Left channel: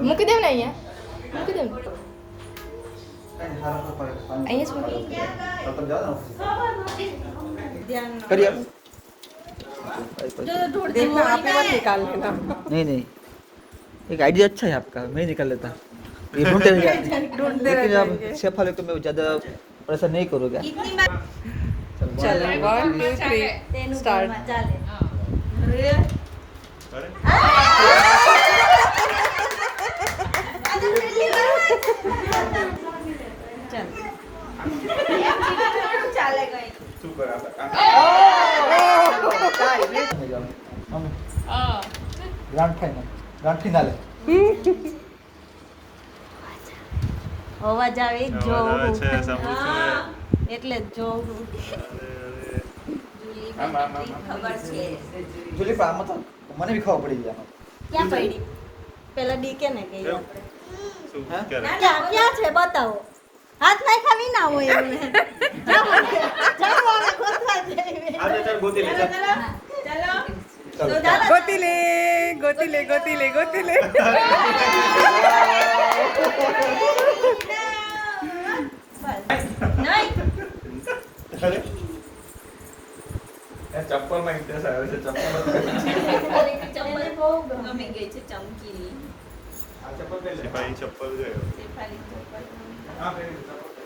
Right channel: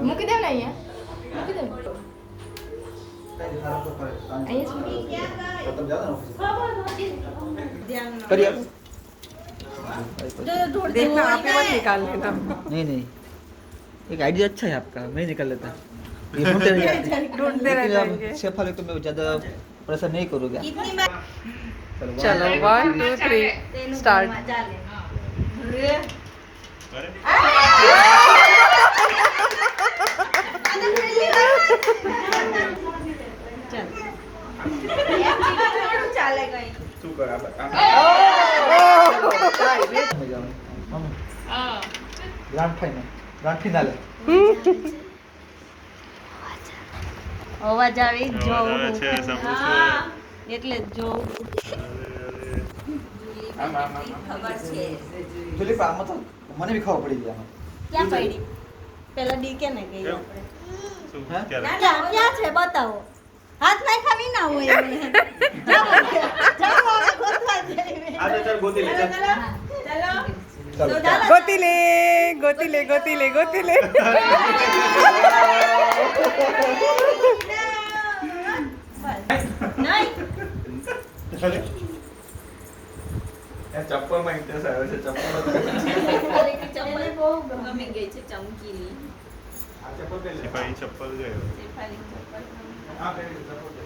મૂકી દેવ ને અહીંયા મૂકી દેવ देखना आप ही मत निकाल लेना। नहीं नहीं, एक आइडिया अच्छा है आपका, मैं निकाल लेता हूँ। ये ढूंढते ढूंढते रह जाएंगे। शेफ वाले को मैं ज़्यादा प्रेशर नहीं करूँगा। चलो 1 2 3 start. Grand final, grand finale. અવાજ આવે જોઉં એટલે જોઉં ખબર છે ફિલિપ આમાં તો મને બી ખબર પડી જાય. ક્યાં પડી પેલા ડી કે ને ગઈ હે? ક્યાં છે બતાવો હાથ નાખવાની ના હોય गोती ले गोती ले गोती ले गोती ले। નહીં ચપ્પલ માં ઇન્ટરેસ્ટ આવ્યો છે. ચપ્પલ બહુ ગમે ગઈ છે ચમકીલી ચપ્પલ પહેરી ભાઈ ચપ્પલ ગયો શેફાલી ચપ્પલ હા પહેરી ચપ્પલ